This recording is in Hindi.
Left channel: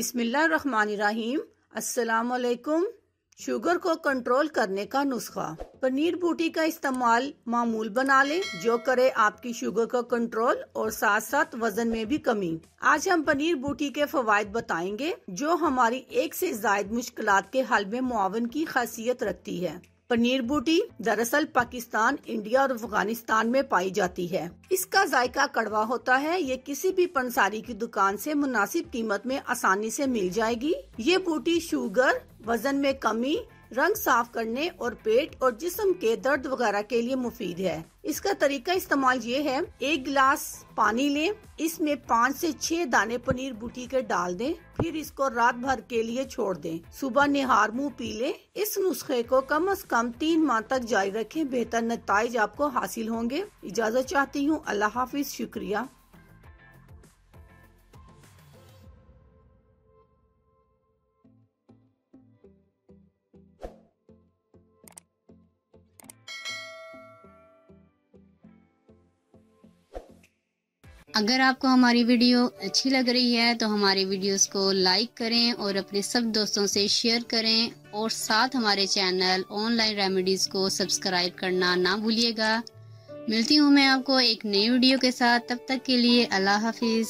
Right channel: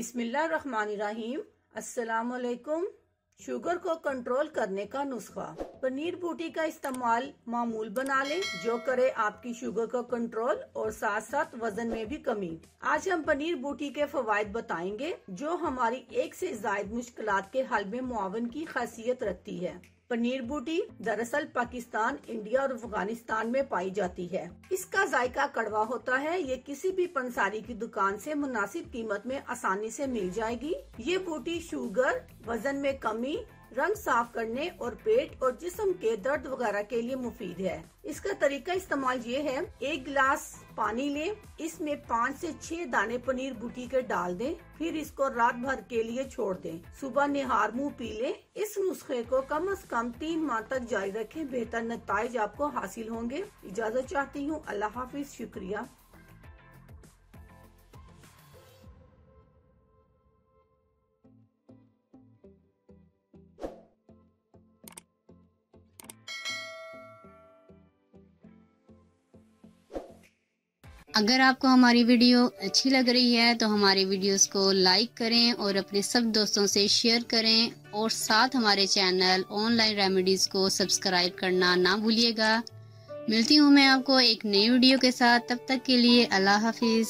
बिस्मिल्लाहिर्रहमानिर्रहीम। अस्सलाम वालेकुम। शुगर को कंट्रोल करने का नुस्खा। पनीर बूटी का इस्तेमाल मामूल बना लें जो करे आपकी शुगर को कंट्रोल और साथ साथ वजन में भी कमी। आज हम पनीर बूटी के फवायद बताएंगे जो हमारी एक से ज्यादा मुश्किलात के हल में मुआवन की खासियत रखती है। पनीर बूटी दरअसल पाकिस्तान, इंडिया और अफगानिस्तान में पाई जाती है। इसका जायका कड़वा होता है। ये किसी भी पंसारी की दुकान से मुनासिब कीमत में आसानी से मिल जाएगी। ये बूटी शुगर, वजन में कमी, रंग साफ करने और पेट और जिस्म के दर्द वगैरह के लिए मुफीद है। इसका तरीका इस्तेमाल ये है, 1 गिलास पानी लें, इसमें 5 से 6 दाने पनीर बूटी के डाल दें, फिर इसको रात भर के लिए छोड़ दें। सुबह निहार मुंह पी लें। इस नुस्खे को कम से कम 3 माह तक जारी रखें, बेहतर नताइज आपको हासिल होंगे। इजाजत चाहती हूँ। अल्लाह हाफिज। शुक्रिया। अगर आपको हमारी वीडियो अच्छी लग रही है तो हमारी वीडियोस को लाइक करें और अपने सब दोस्तों से शेयर करें और साथ हमारे चैनल ऑनलाइन रेमेडीज को सब्सक्राइब करना ना भूलिएगा। मिलती हूँ मैं आपको एक नई वीडियो के साथ। तब तक के लिए अल्लाह हाफिज।